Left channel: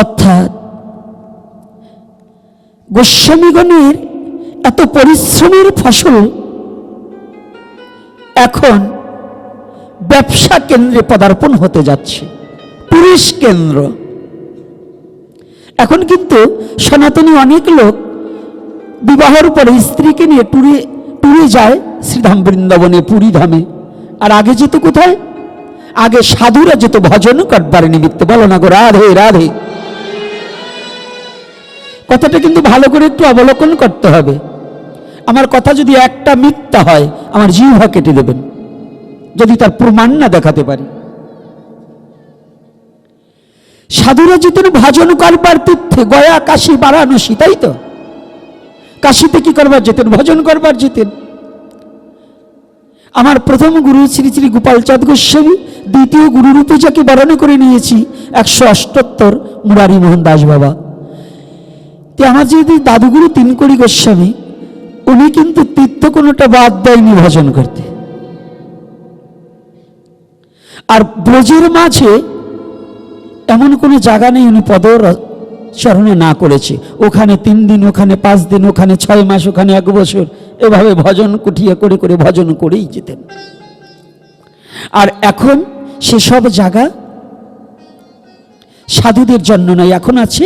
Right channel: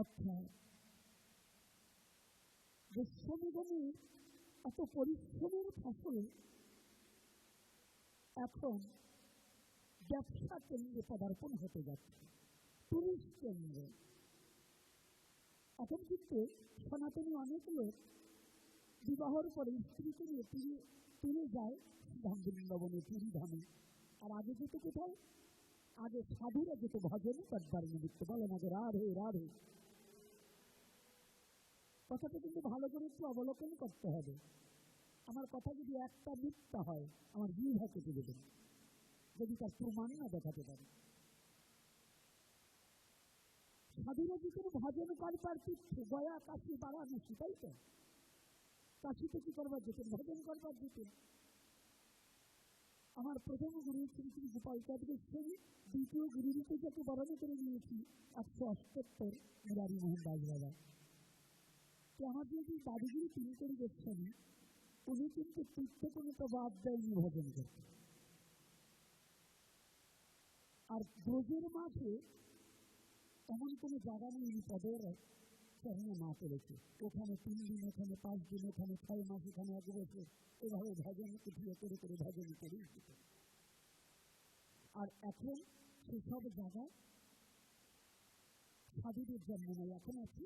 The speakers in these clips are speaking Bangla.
অর্থাৎ গোস্বামীগণের এত পরিশ্রমের ফসল এখন ব্যবসা কেন্দ্রে পদার্পণ হতে যাচ্ছে, টুরিস্ট কেন্দ্র। এখন কিন্তু সনাতনী অনেক লোক বিবাহের পরে স্ত্রীকে নিয়ে টুরে যায় শ্রীধাম বৃন্দাবনে, পুরী ধামে। আর আগে যেত কোথায়? আগে সাধুরা যেত ভজন করবার নিমিত্তে। বলো না গো রাধে রাধে। কথাটা কিন্তু ভালো করে একটু অবলোকন করতে হবে। আমার কথা যদি একটা মিথ্যা হয় আমার জিহ্বা কেটে দেবেন, যদি তার প্রমাণ না দেখাতে পারি। সাধুরা যেতেন ভজন করবার তীর্থে, গয়া, কাশী, বারাণসী, তাই তো? কাশীতে কি করবার যেতেন? ভজন করবার যেতেন। আমার প্রথম গুরু শ্রী শ্রী গোপালচাঁদ গোস্বামী, দ্বিতীয় গুরুরূপে যাকে বরণ করে নিয়েছি 178 মুরারি মোহন দাস বাবা। আমার যদি দাদুগুরু তিনকড়ি গোস্বামী, উনি কিন্তু তীর্থ কোনোটা বাদ দেয়নি ভজন করতে। আর ব্রজের মাঝে এমন কোনো জায়গা নেই উনি পদচরণে না করেছে। ওখানে 3 দিন, ওখানে 5 দিন, ওখানে 6 মাস, ওখানে 1 বছর, এভাবে ভজন কুঠিয়া করে করে ভজন করেই যেতেন। আর এখন সেসব জায়গা সাধুদের জন্য নয়, এখন আছে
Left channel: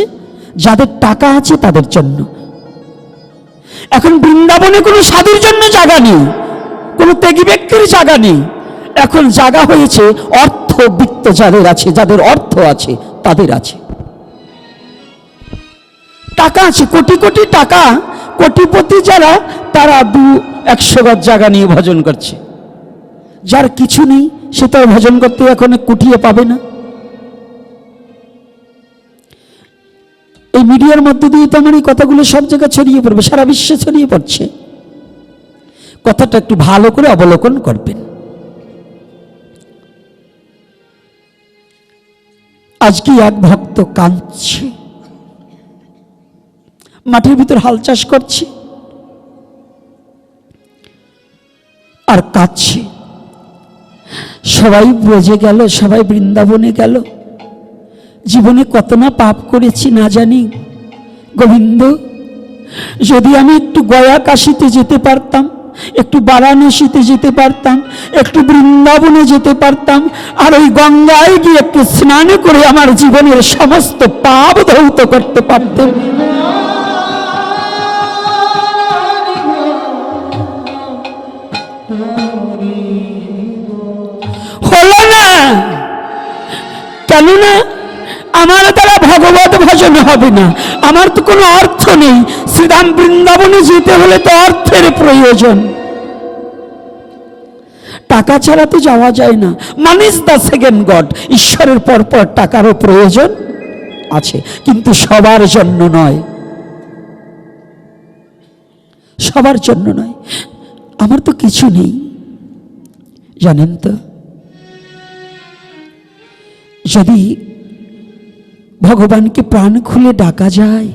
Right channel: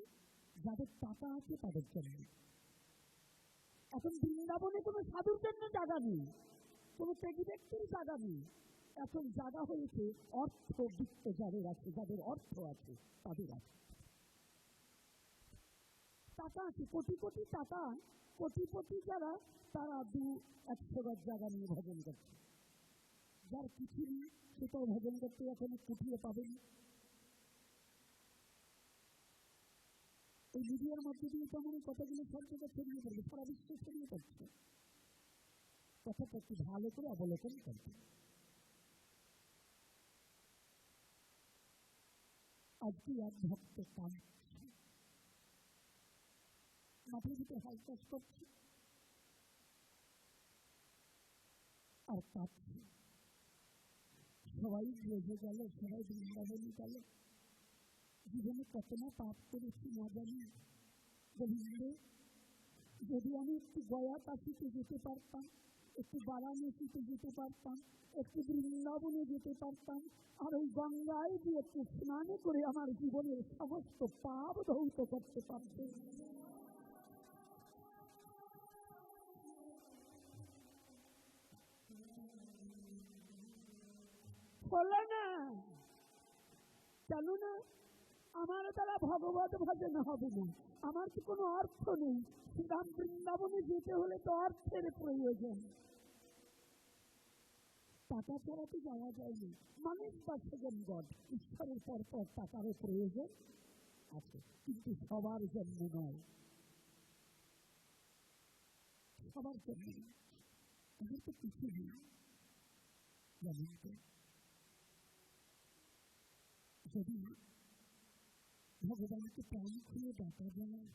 যাদের টাকা আছে তাদের জন্য। এখন বৃন্দাবনে কোনো সাধুর জন্য জায়গা নেই, কোনো ত্যাগী ব্যক্তির জায়গা নেই। এখন জায়গা হয়েছে অর্থবিত্ত যাদের আছে, যাদের অর্থ আছে তাদের আছে, টাকা আছে, কোটি কোটি টাকা, কোটিপতি যারা, তারা 200 গজ জায়গা নিয়ে ভজন করছে। যার কিছু নেই সে তো ভজন করতে এখন কুটিয়ে পাবে না। এই মিডিয়ার মধ্যে দিয়ে তো আমার এই কথাগুলো সব জায়গায় ছড়িয়ে পড়বে, সারা বিশ্বে ছড়িয়ে পড়ছে। কথাটা একটু ভালো করে অবলোকন করবেন। আজকে এক ভক্ত কাঁদছে, মাঠের ভিতর হাল চাষ করছে আর কাঁদছে। সবাই ব্রজে গেল, সবাই বৃন্দাবনে গেল, জীবনে কত না পাপ করেছি না জানি। গোবিন্দ, যদি আমি একটু গয়া কাশীতে যেতে পারতাম, একটু বারাণসীতে যেতে পারতাম, একটু বৃন্দাবনে যেতে পারতাম, আর ওই গঙ্গায় গিয়ে একটু স্নান করে আমার জীবনের সমস্ত পাপ ধৌত করতে পারতাম। হলো না। কেননা আমার দ্বারা ভগবত ভজন হবে না, আমার তো কোনো অর্থ নেই। শ্রীধাম বৃন্দাবনে যেতে হলে তো অর্থের প্রয়োজন, টাকা ছাড়া তো যাওয়া যায় না। Money is the second god. ঈশ্বরের পরপর টাকারও প্রয়োজন আছে, কিন্তু সবার জন্য নয়, সবার জন্য নয়। আমার তো কিছু নেই, জানেন তো। যদি ভগবানকে প্রাণ খুলে ডাকা যায়,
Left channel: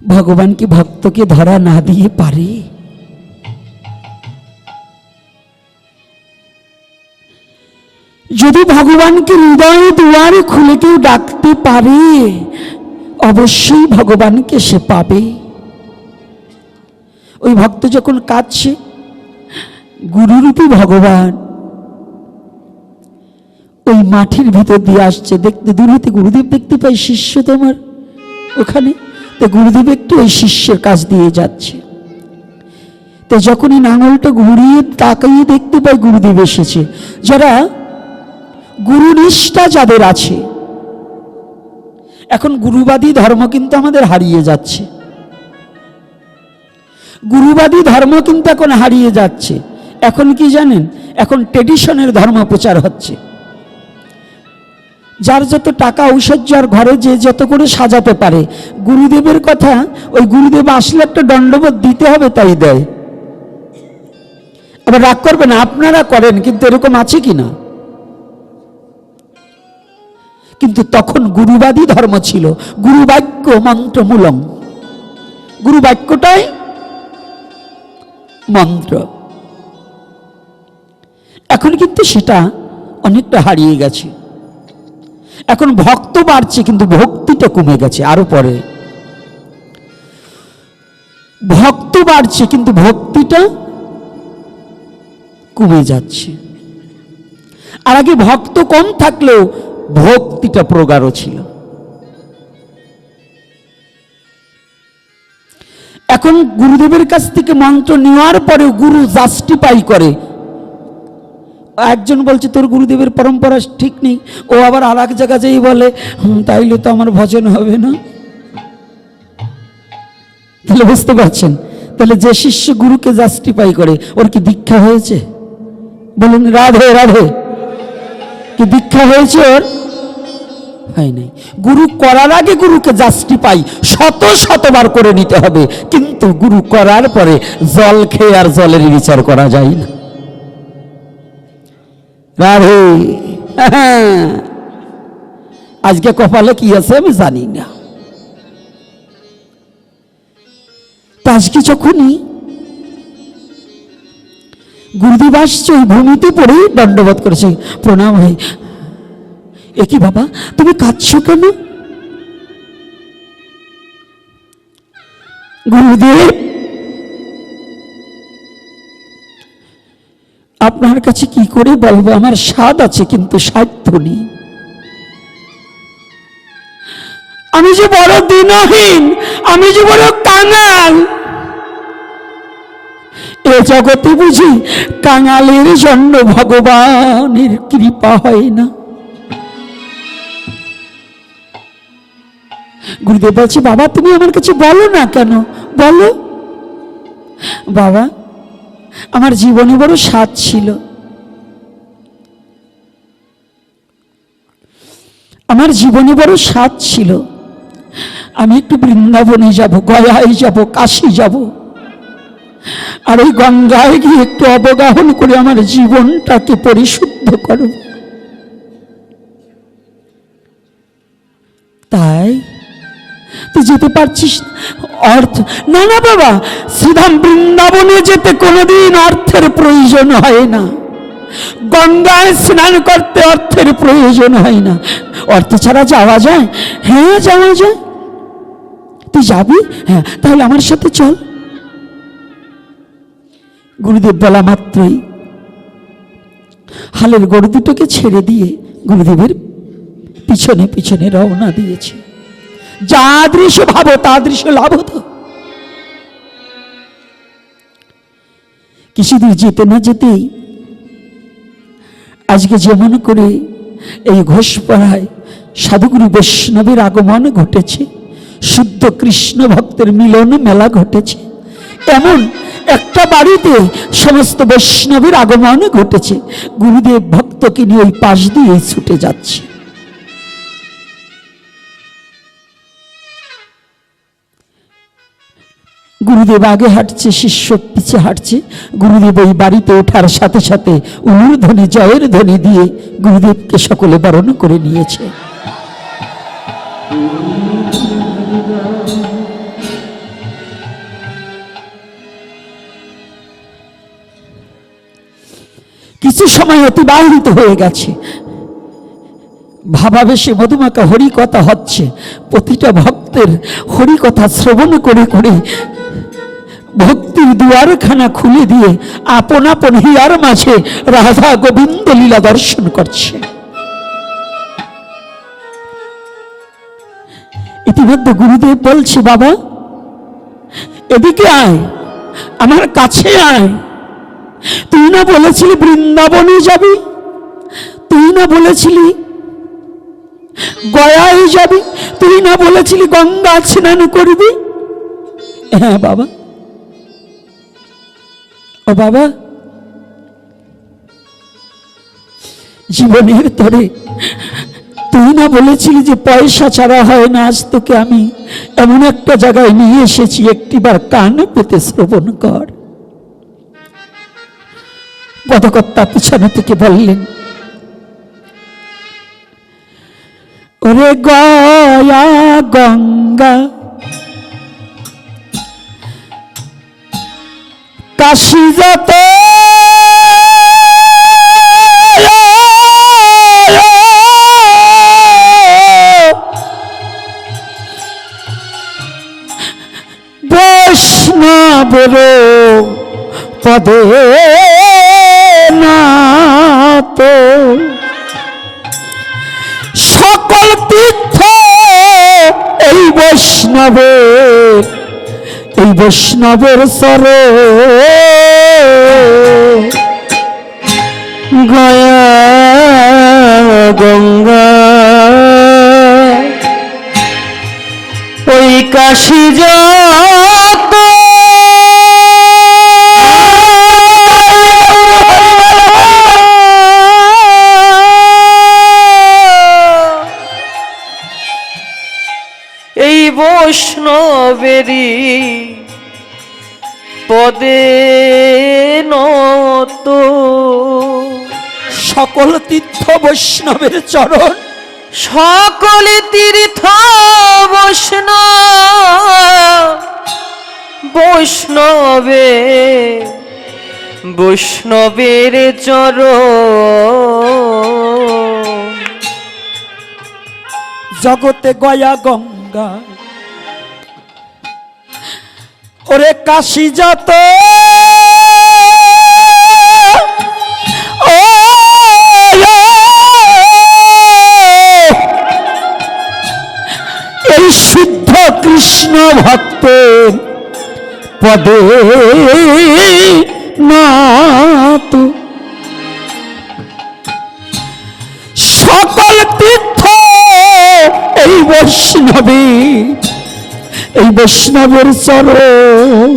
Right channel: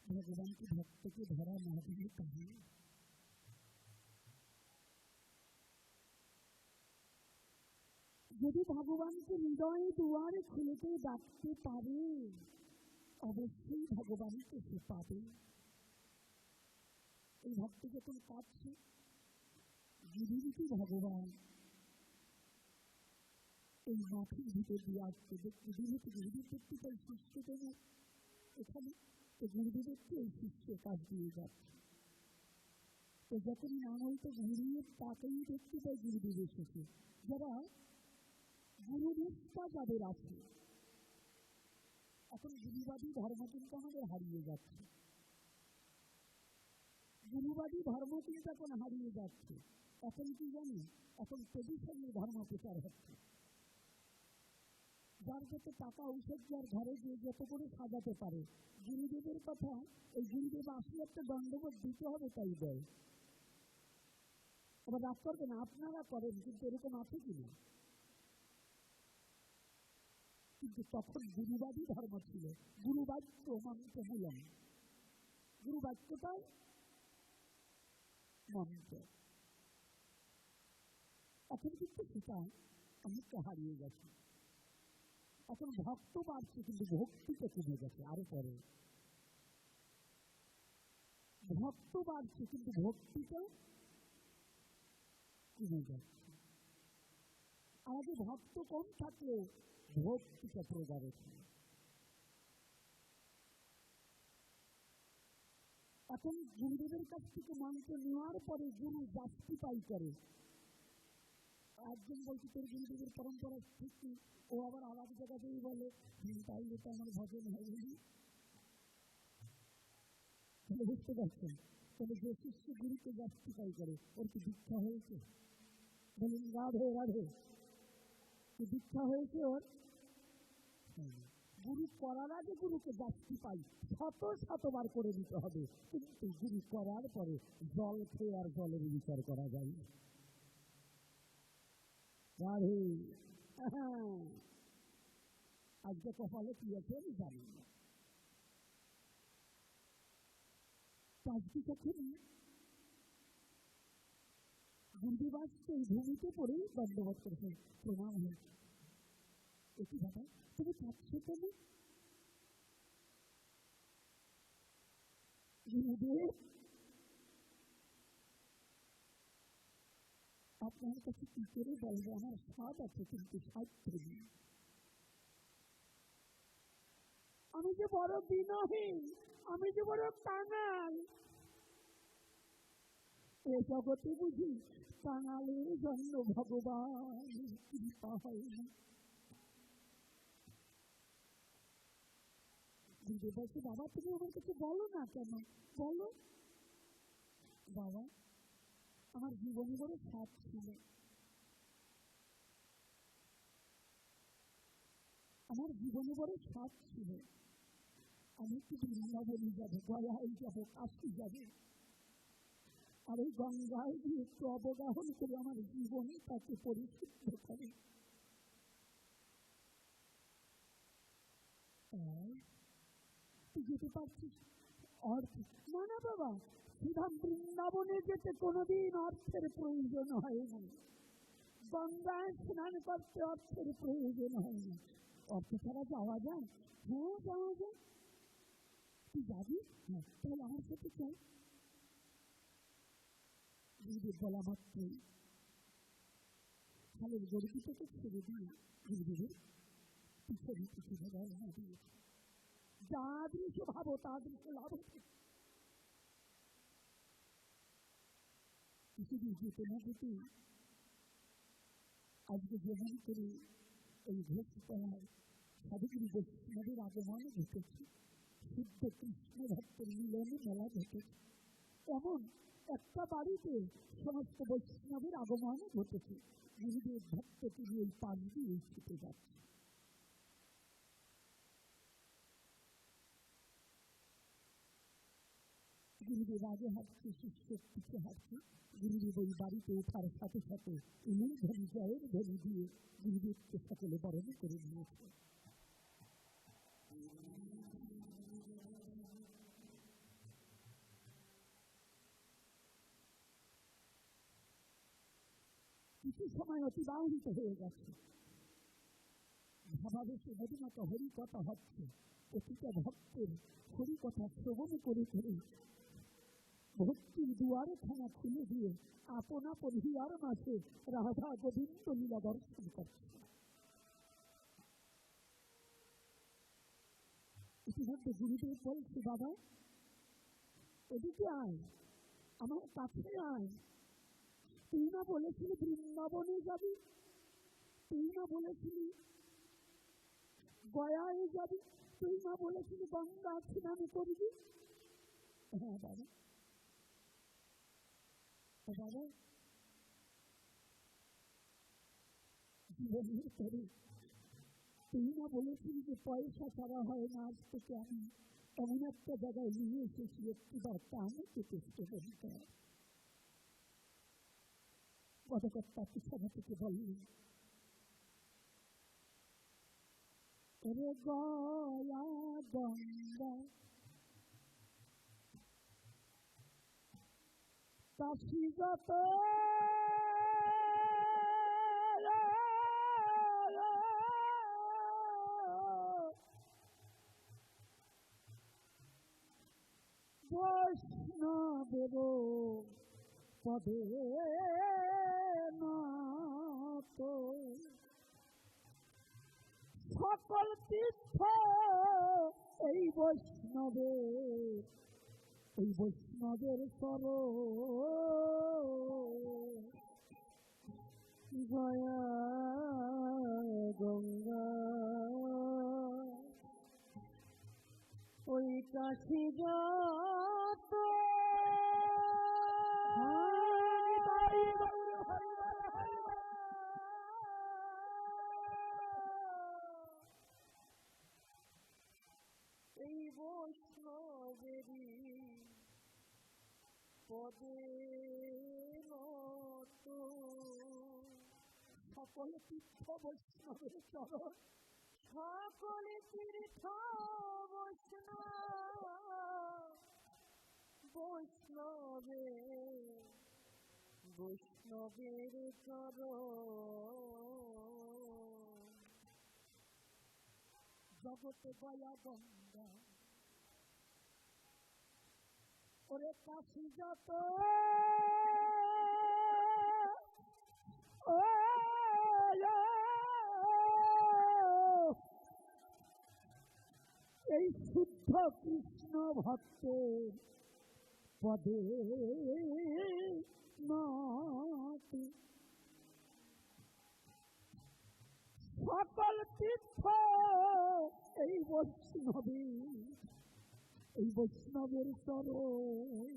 ভগবান কি ভক্তকে ধরা না দিয়ে পারে? যদি ভগবানকে হৃদয় দুয়ারে খুলে কেউ ডাকতে পারে, অবশ্যই ভগবানকে সে পাবে। ওই ভক্ত যখন কাঁদছে, গুরুরূপী ভগবান ওই মাঠের ভিতর দিয়ে আসছে। দেখতে দূর হতে গুরুদেব দেখতে পাই শিষ্য তোমার ওখানে, তো গুরুদেব একটু ওই শিষ্যের কাছ দিয়ে যাচ্ছে। তো যখনই নাঙলটা ঘুরিয়ে তাকিয়ে দেখতে পাই গুরুদেব এসেছে। যারা গুরুনিষ্ঠা যাদের আছে, এখন গুরুবাদী ধর্ম কিন্তু আমাদের হারিয়ে যাচ্ছে, গুরুবাদী ধর্ম কিন্তু এখন হারিয়ে যাচ্ছে। এখন কি জানেন, এখন ট্রেডিশনের ধর্ম প্রচার হচ্ছে। যার যত টাকা ঐশ্বর্য আর ঘরে যে যত করে সাজাতে পারে, গুরুদেবের কথা, ওই গুরুদেব আসলে একটা দণ্ডবোধ দিতে হবে তাই দেয়। আবার রাগ করবেন, আপনারা করেন, কিন্তু এরকম আছে কিনা? কিন্তু তখন গুরুবাদী ধর্ম ছিল, গুরুবাক্য মন্ত্রমূলম, গুরুবাক্যটাই মন্ত্র। এখন কিন্তু সেটা অনেকটা হারিয়ে গেছে। এখন ভক্ত বাড়ছে কিন্তু ভক্তিটা কমে গেছে। আরো পরে ভক্ত বাড়ছে কিন্তু ভক্তিটা কমে যাচ্ছে। আর আগে ভক্ত কম থাকলেও ভক্তিটা প্রগাঢ় ছিল। এখন গুরুদেবের কাছ থেকে মন্ত্র নেওয়ার পরে গুরু জাস্টিফাই করে। একজন বলছে তোর গুরুদেবের পরম্পরা ঠিক নেই, ও আবার আর এক জায়গা যেই বলে তাইলে তো আমার ভজন হবে না। তাহলে বুঝতে পারছেন, তাহলে যে শিষ্য গুরুকে জাস্টিফাই করে ওর কি দীক্ষা হয়েছে? বলুন রাধে রাধে। কি দীক্ষা হয়েছে ওর? হয় নাই। গুরু করার আগে গুরুকে জাস্টিফাই শতবার করে নিতে হবে, কিন্তু গুরু করার পরে জল খেয়ে আর জলের বিচার করা যায় না। রাধে। আজকে কপালে কি আছে আমি জানি না। আজকে যখনই গুরুদেব আসছে ওই ভূমিতে পড়ে দণ্ডবোধ করেছে, প্রণাম হয়। এ কি বাবা, তুমি কাঁদছো কেন? গুরুদেব, আপনার কাছে কি করে বলবো, আমার স্বাদ আছে কিন্তু সাধ্য নেই। আমি যে বড় দিনহীন, আমি যে বড় কাঙাল। এ জগতে বুঝি কাঙালের জন্য ভগবানের কৃপা হয় না। গুরুদেব বলছে, বাবা তুমি আমার কাছে বলো না কেন? বলো। বাবা, আমার জীবনে বড় স্বাদ ছিল, আমার জীবনে বড় স্বাদ ছিল। আমি একটু বৃন্দাবনে যাব, গয়ায় যাব, কাশী যাব, আর ওই গঙ্গায় গিয়ে একটু অবগাহন করে আমার জীবনটাকে পরিশুদ্ধ করব। তাই তুই যেতে পারছিস? অর্থ না, না বাবা, শ্রীধাম বৃন্দাবনে যেতে কোনোদিন অর্থের প্রয়োজন হয় না। গঙ্গায় স্নান করতে অর্থের প্রয়োজন হয় না। অর্থ ছাড়া যাওয়া যায়? হ্যাঁ যাওয়া যায়। তুই যাবি? হ্যাঁ, তাহলে আমার সাথে চল। গুরুদেব বলা মাত্রই হালের গরু দুটোকে ছেড়ে দিয়ে গুরুদেবের পিছনে পিছনে রওনা দিয়েছে। যা দৃশ্য ভাবো তা দৃশ্য লাভ হতো। কিছুদূর যেতে না যেতেই আজকে যেমন করে এই ঘোষপাড়ায় সাধুগুরু বৈষ্ণবের আগমন ঘটেছে, শুদ্ধ কৃষ্ণ ভক্তের মিলন মেলা ঘটেছে, এমন একটা বাড়িতে সমস্ত বৈষ্ণবের আগমন ঘটেছে। গুরুদেব ভক্তকে নিয়ে ওই পাশ দিয়ে ছুটে যাচ্ছে। গুরুদেব আগে হাঁটছে, শিষ্য পিছে হাঁটছে। গুরুদেব ওই বাড়িতে ওঠার সাথে সাথে উলুর ধ্বনি, জয়ের ধ্বনি দিয়ে গুরুদেবকে সকলে বরণ করে নিয়েছে। কিছু সময় অতিবাহিত হয়ে গেছে, ভাবাবেশে মধুমাখা হরিকথা হচ্ছে। প্রতিটা ভক্তের হরিকথা শ্রবণ করে করে ভক্তির দুয়ারখানা খুলে দিয়ে আপন আপন হিয়ার মাঝে রাধা গোবিন্দ লীলা দর্শন করছে। ইতিমধ্যে গুরুদেব বলছে, বাবা এদিকে আয়, আমার কাছে আয়। তুই না বলেছিলি বৃন্দাবনে যাবি, তুই না বলেছিলি গয়ায় যাবি, তুই না বলেছিলি গঙ্গা স্নান করবি? হ্যাঁ বাবা। ও বাবা, জীবনের তরে তুই না বলেছিলি যে পয়সা ছাড়া হয় না? আজ তোকে আমি এমন একটা জায়গায় নিয়ে এসেছি, একটিবার কান পেতে শ্রবণ কর। পদকর্তা পিছনে থেকে বললেন, ওরে গয়া গঙ্গা কাশী যত বৈষ্ণবের পদে নাত, সকল তীর্থ এই বৈষ্ণবের সরে গয়া গঙ্গা ওই কাশী যত এই বৈষ্ণবেরই পদে নত, সকল তীর্থ বৈষ্ণবের চরণ, সকল তীর্থ বৈষ্ণবের চরণ, জগতে গয়া গঙ্গা ওরে কাশী যত এই শুদ্ধ কৃষ্ণ ভক্তের পদে নাত, সকল তীর্থ এই বৈষ্ণবের চরণ,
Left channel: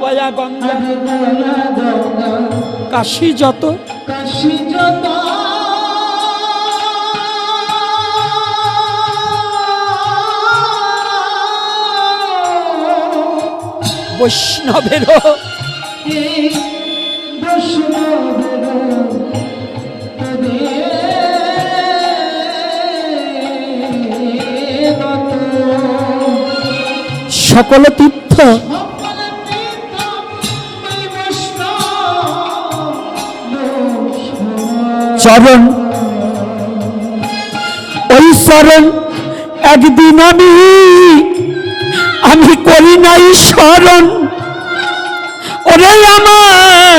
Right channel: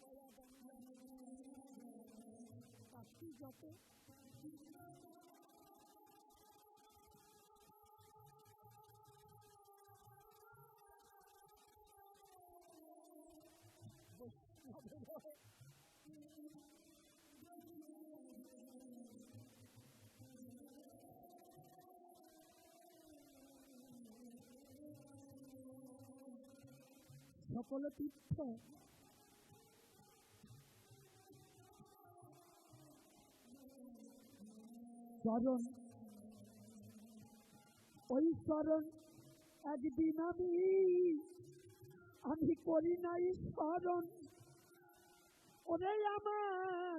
গয়া গঙ্গা কাশী যত বৈষ্ণবের সকল তীর্থ চরণ, ওই চরণ একদিন আমি করি নাই স্মরণ, ওরে আমার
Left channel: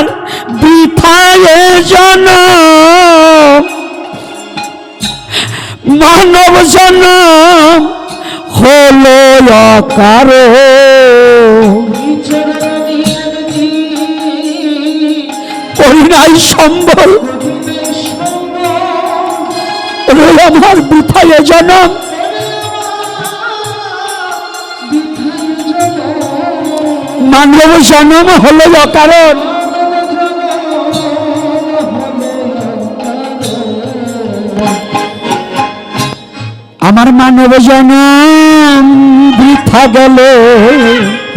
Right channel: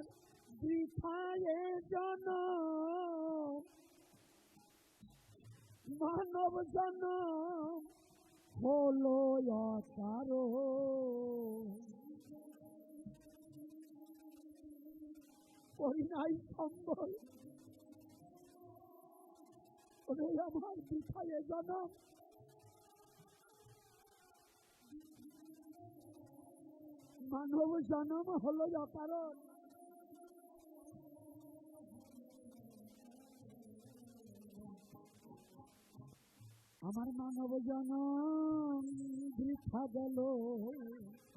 বৃথায় জনম, মানব জনম হলো অকারণ, করি নাই সম্বল, ওরে আমার বৃথায় জনম, মানব জনম হলো অকারণ। আমার মানব জনম বৃথা গেল,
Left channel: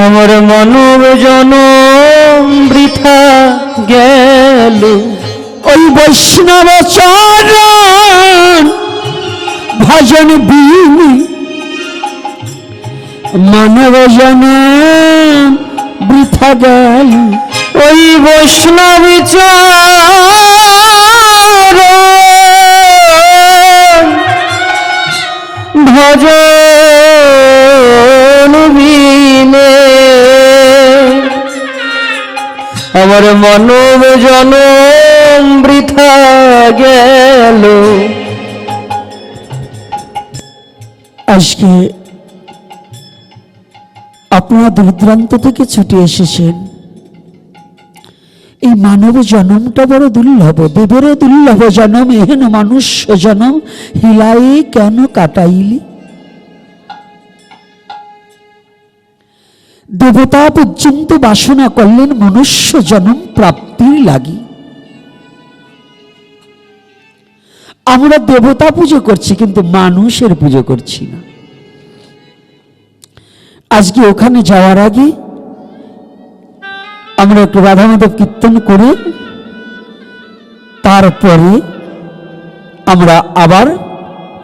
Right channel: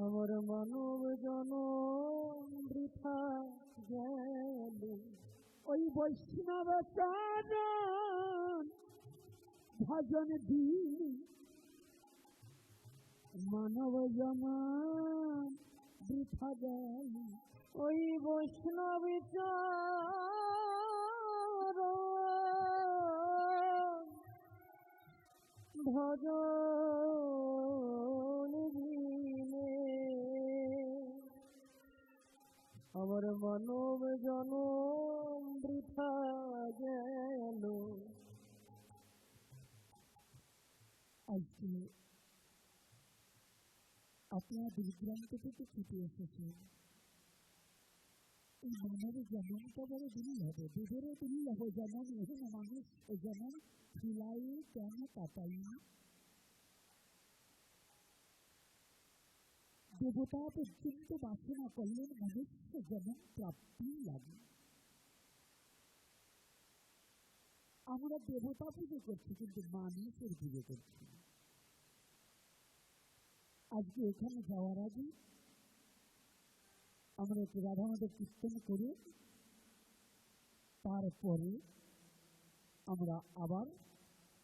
আমার মানব জনম বৃথা গেল, ওই বৈষ্ণব চরণ ভজন বিনি মানব জনম বৃথা গেল, ওই বৈষ্ণব চরণ ভজন বিনে আমার মানব জনম বৃথা গেল। আজকে আপনারা দূরদূরান্ত থেকে ছুটে এসেছেন, এই মানব জন্মটা বড় দুর্লভ, দেবেরও দুর্লভ জন্ম, এহেন মনুষ্য জন্ম হিলাই কেন কাটাইলি, দেবতা পর্যন্ত বাসনা করলেন মনুষ্য জন্ম প্রাপ্তির লাগি। আমরা দেবতা পুজো করছি কিন্তু মানুষের পুজো করছি না। আজকে ওখানে যাওয়ার আগে আমরা একটু রাধা মাধব কীর্তন করে তারপরে আমরা আবার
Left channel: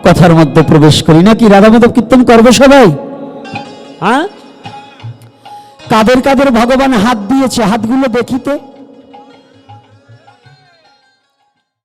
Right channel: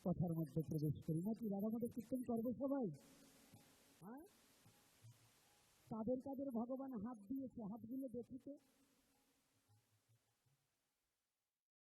কথার মধ্যে প্রবেশ করি, নাকি রাধা মাধব কীর্তন করবে সবাই? হ্যাঁ, কাদের কাদের ভগবান হাত দিয়েছে হাতগুলো দেখি তো।